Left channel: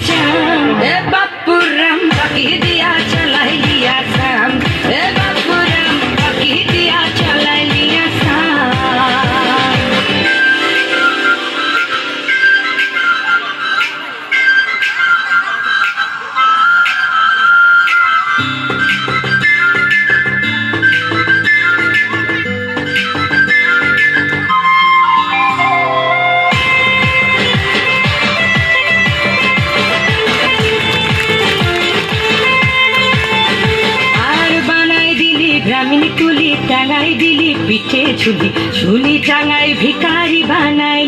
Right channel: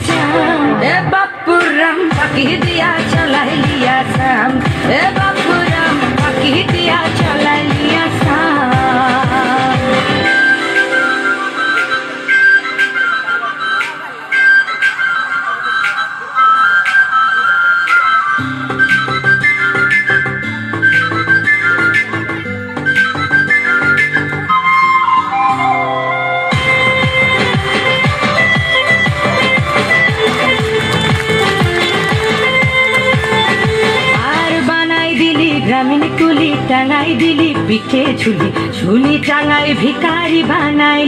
চাম এ বাপুরাম বাকি দিয়া চলাই লিয়া সাম এ বাপুরাম বাকি দিয়া চলাই লিয়া সাম গ্রামীণ কুলি টাঙাই দিলি পিঠে ঝুলি ঝুলি টাঙাই ভিকারি বানাইলি